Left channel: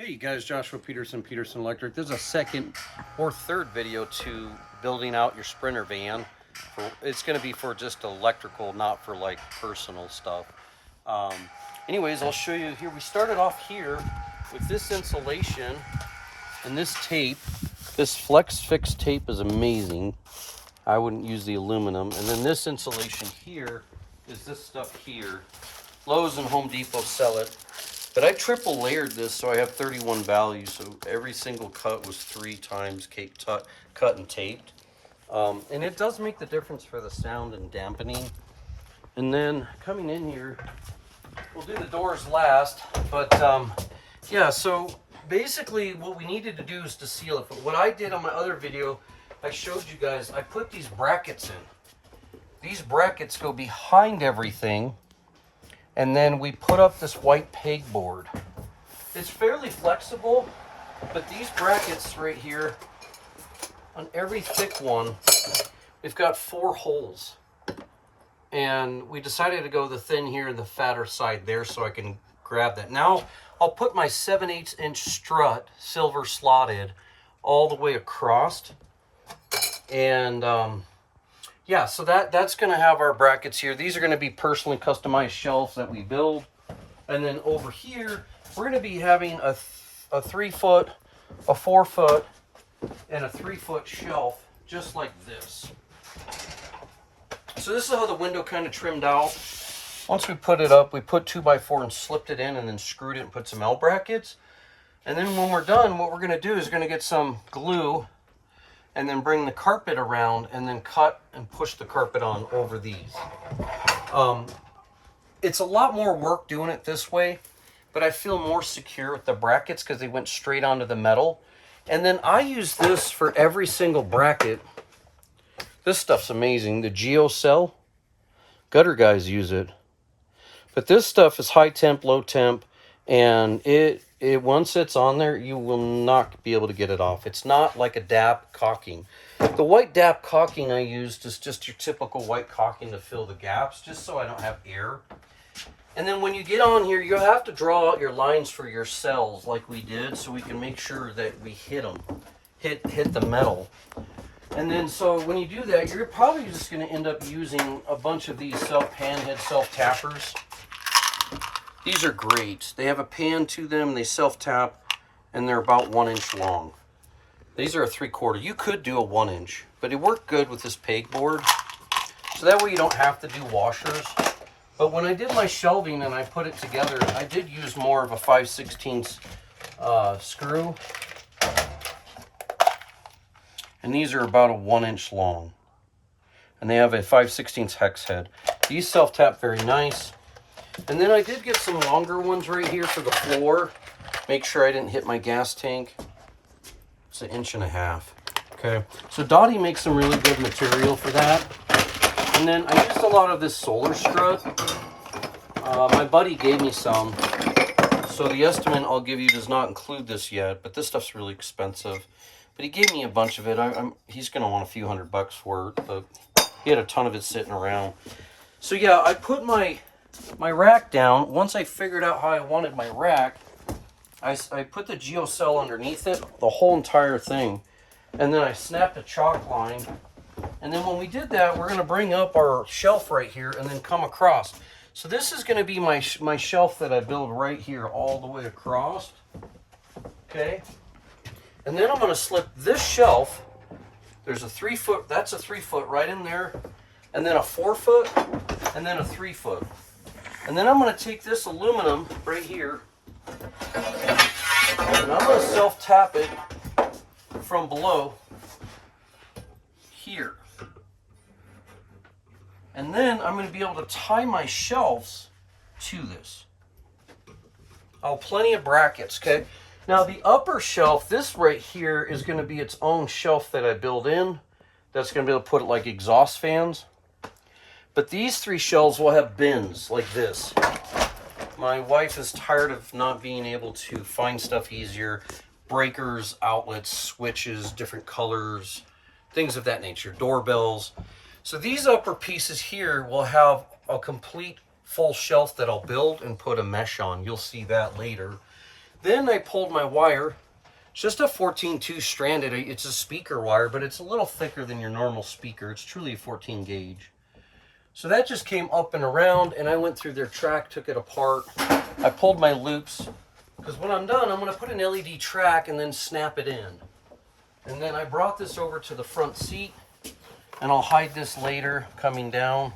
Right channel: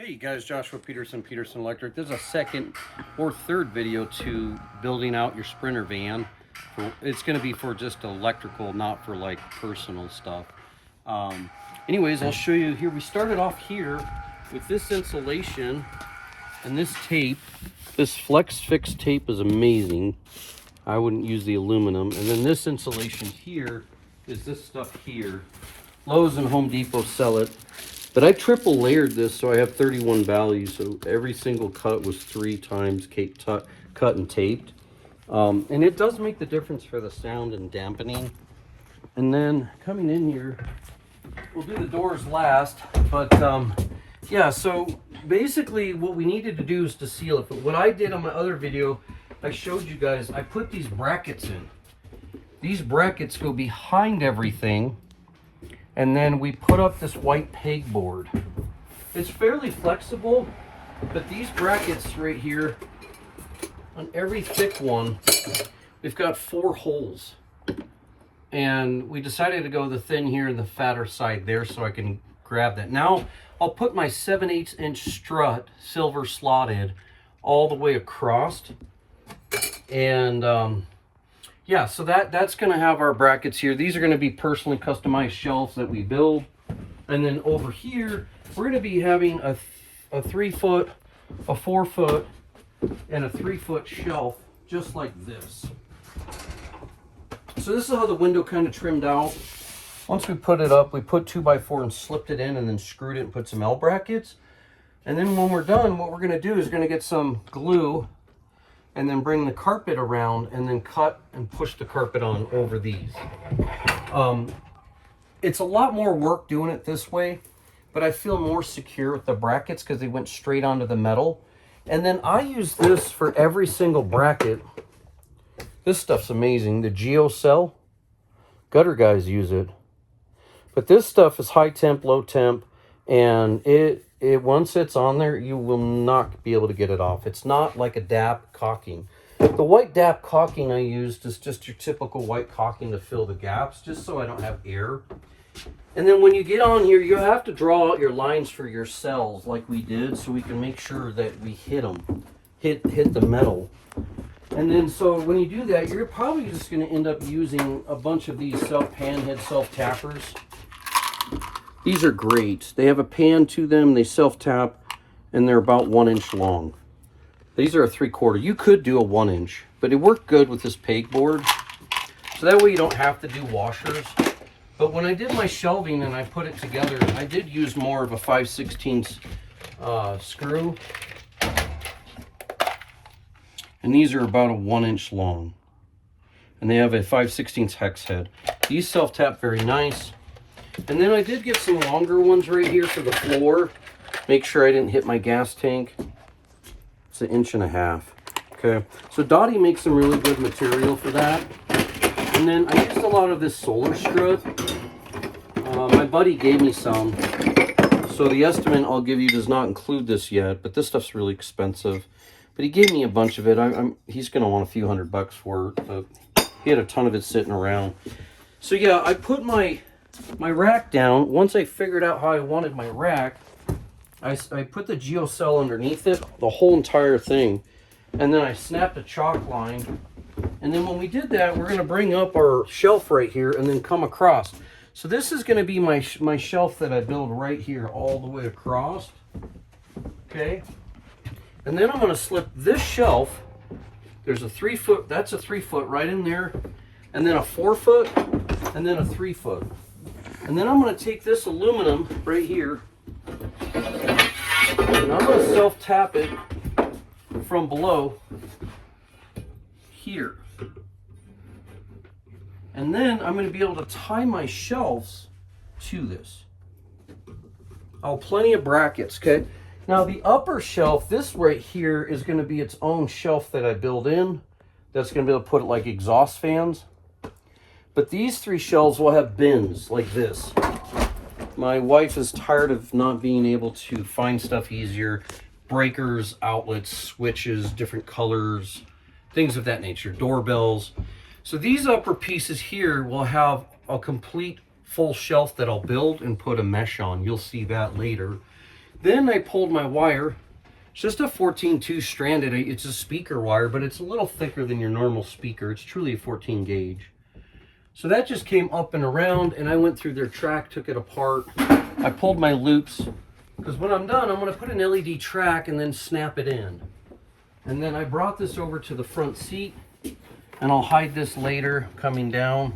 Hey guys, Joshua Peterson, Peterson Electric. This is a second or third video to building out your Sprinter van. It's going to be for just electrical, not for like personal stuff. Anyways, I'll show you here. We started off here with this insulation and this tape. This Flex Fix tape is amazing. I wouldn't use the aluminum. And then this insulation here is this stuff here. Lowe's and Home Depot sell it. But I triple layered this so I have 31 values. So every single cut was 3 times cut and taped. And it does make the difference for the sound and dampening. And then coming in here, we'll do the doors last. But yeah, so basically what we needed to do is to seal it. But what I did on my other video, I showed you guys, I put these brackets in. These brackets go behind everything. And then we put up this white pegboard. It's fairly flexible, but these brackets right here, on every thick one, we've got 4 holes. And we decided to go the thin here and the fatter side there so I can grab that. Now, I'll put my 7/8 inch strut, silver slotted, all the way across. And yeah, so that's going to have our brackets here. These are going to be personally customized shelves that we build. And then over here, we're going to be having a 3-foot, a 4-foot, and a 3-foot shelf, just like this. So this is how the window kind of trimmed out. Once we put it up, we put 2x4 and slipped it in and then screwed it and put some L brackets. And then when we're done, what we're going to do is we're going to get some glue and then bring the carpet around and then cut and push the carpet on over these. It's a lot more work doing it this way, but I feel more secure with the brackets because they went straight onto the metal. And then I use this for every single bracket. This stuff's amazing. The GeoCell, gutter guys use it. But this stuff is high temp, low temp, and it once it's on there, you will not be able to get it off. It's not like a DAP caulking. The white DAP caulking I used is just your typical white caulking to fill the gaps, just so I don't have air. And then when you get on here, you'll have to draw out your lines for your cells like we did, so we can make sure that we hit them, hit the metal. And then so when you do that, you're probably just going to end up using a bunch of these pan-head self-tappers. These are great. They have a pan to them, they self-tap, and they're about 1 inch long. These are a 3/4. You could do a 1 inch, but it worked good with this pegboard. So that way you don't have to do washers. But when I did my shelving and I put it together, I did use more of a 5/16 screw. And these are about a 1 inch long. And they have a 5/16 hex head. These self-tap very nice. And then I did get some longer ones right here for the floor. Make sure I didn't hit my gas tank. It's 1.5 inches. Okay, so Dottie makes some really good material for that. And then I used a lot of this solar strut. My buddy gave me some. So the estimate I'll give you does not include this yet, but this stuff's really expensive. But he gave me a bunch of it. He's going to want a few $100 for it, but he had a ton of it sitting around. So yeah, I put my rack down. Once I figured out how I wanted my rack, I put the GeoCell underneath it, the whole entire thing, and then I snapped a chalk line. And then when we did that, we're going to bring up our shelf right here and then come across. So this is going to be my shelf that I build right here all the way across. Okay. And then I'm going to slip this shelf. There's a 3-foot, that's a 3-foot right in there, and then a 4-foot, and then a 3-foot. And then I'm going to take this aluminum right here, and I'm going to self-tap it from below here. And then I'm going to be able to tie my shelves to this. Oh, plenty of brackets, okay? Now the upper shelf, this right here, is going to be its own shelf that I build in. That's going to be able to put it like exhaust fans. But these 3 shelves will have bins like this. My wife is tired of not being able to find stuff easier. Breakers, outlets, switches, different colors, things of that nature, doorbells. So these upper pieces here will have a complete full shelf that I'll build and put a mesh on. You'll see that later. Then I pulled my wire. It's just a 14-2 stranded. It's a speaker wire, but it's a little thicker than your normal speaker. It's truly a 14 gauge. So that just came up and around, and I went through their track, took it apart. I pulled my loops, because when I'm done, I'm going to put an LED track and then snap it in. And then I brought this over to the front seat, and I'll hide this later coming down.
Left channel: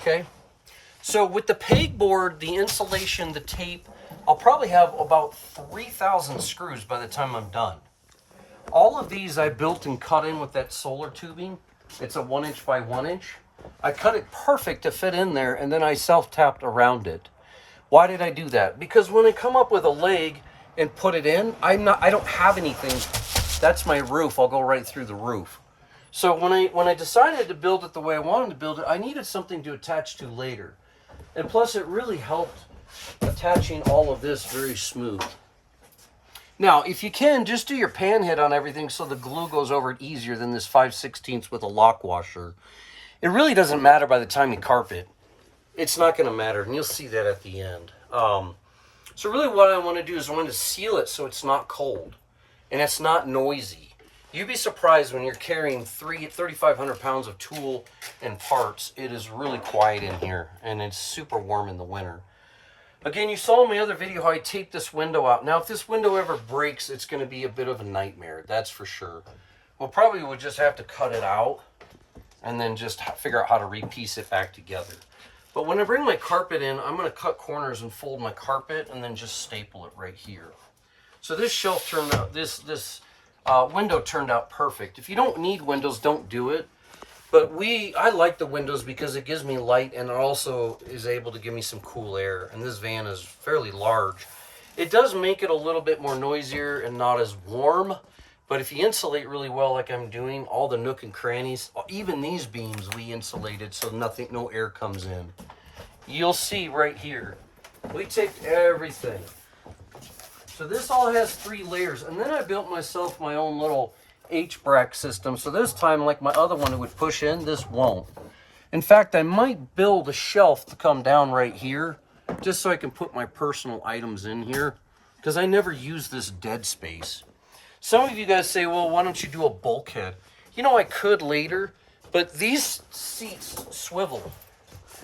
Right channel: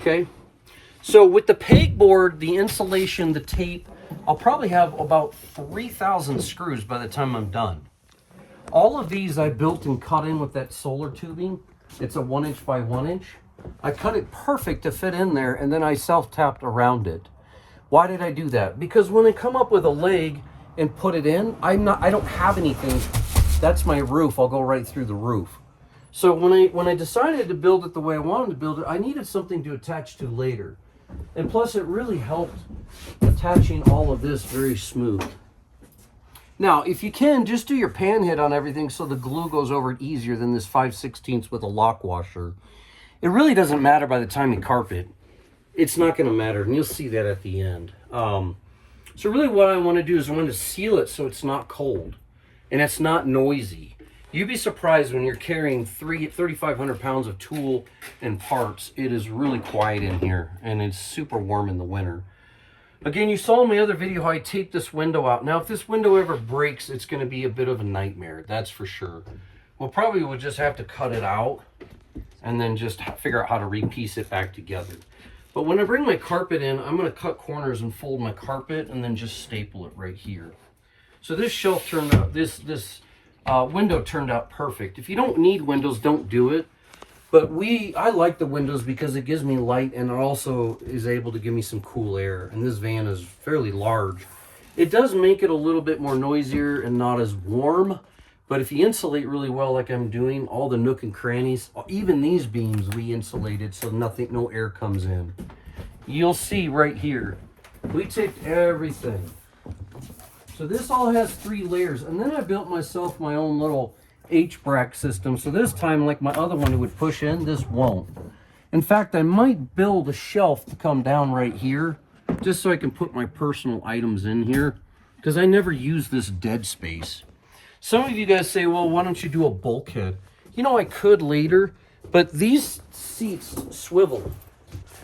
Okay. So with the pegboard, the insulation, the tape, I'll probably have about 3,000 screws by the time I'm done. All of these I built and cut in with that solar tubing. It's a 1" by 1". I cut it perfect to fit in there, and then I self-tapped around it. Why did I do that? Because when I come up with a leg and put it in, I don't have anything. That's my roof. I'll go right through the roof. So when I decided to build it the way I wanted to build it, I needed something to attach to later. And plus it really helped attaching all of this very smooth. Now, if you can, just do your pan hit on everything so the glue goes over it easier than this 5/16 with a lock washer. It really doesn't matter by the time you carpet. It's not going to matter, and you'll see that at the end. So really what I want to do is I want to seal it so it's not cold and it's not noisy. You'd be surprised when you're carrying 3,500 pounds of tool and parts. It is really quiet in here, and it's super warm in the winter. Again, you saw in my other video how I taped this window out. Now, if this window ever breaks, it's going to be a bit of a nightmare, that's for sure. We'll probably would just have to cut it out and then just figure out how to repiece it back together. But when I bring my carpet in, I'm going to cut corners and fold my carpet and then just staple it right here. So this shelf turned out, this window turned out perfect. If you don't need windows, don't do it. But I like the windows because it gives me light, and it also is able to give me some cool air. And this van is fairly large. It does make it a little bit more noisier and not as warm. But if you insulate really well like I'm doing, all the nook and crannies, even these beams we insulated so no air comes in. You'll see right here, we taped everything. So this all has 3 layers, and then I built myself my own little H-brack system. So this time, like my other one, it would push in, this won't. In fact, I might build a shelf to come down right here, just so I can put my personal items in here, because I never use this dead space. Some of you guys say, well, why don't you do a bulkhead? You know, I could later, but these seats swivel.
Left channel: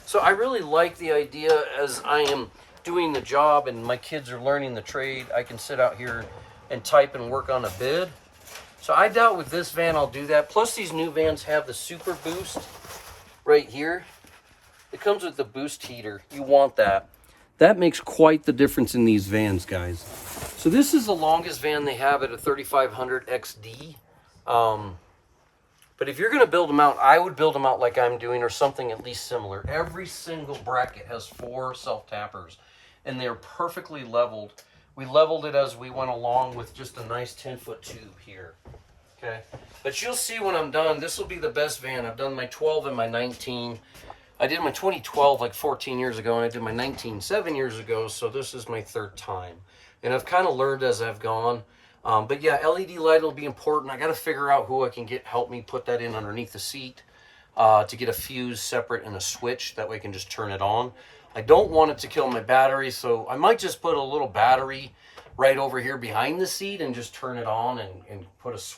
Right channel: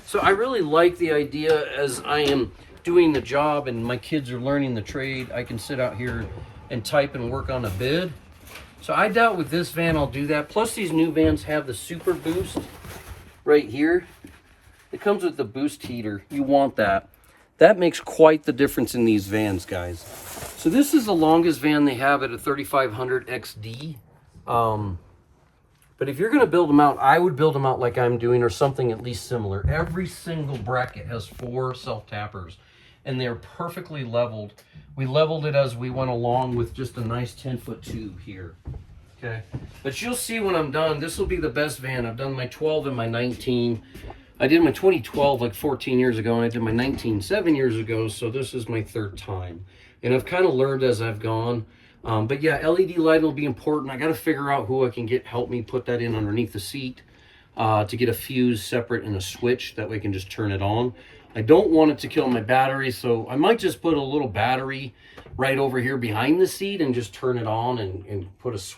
So I really like the idea as I am doing the job and my kids are learning the trade. I can sit out here and type and work on a bid. So I doubt with this van I'll do that. Plus these new vans have the Super Boost right here. It comes with the boost heater. You want that. That makes quite the difference in these vans, guys. So this is the longest van they have at a 3500 XD. But if you're going to build them out, I would build them out like I'm doing, or something at least similar. Every single bracket has 4 self-tappers, and they're perfectly leveled. We leveled it as we went along with just a nice 10-foot tube here. Okay, but you'll see when I'm done, this will be the best van. I've done my 12 and my 19. I did my 2012 like 14 years ago, and I did my 19 7 years ago, so this is my 3rd time. And I've kind of learned as I've gone. But yeah, LED light will be important. I got to figure out who I can get help me put that in underneath the seat to get a fuse separate and a switch. That way I can just turn it on. I don't want it to kill my battery, so I might just put a little battery right over here behind the seat and just turn it on and put a switch.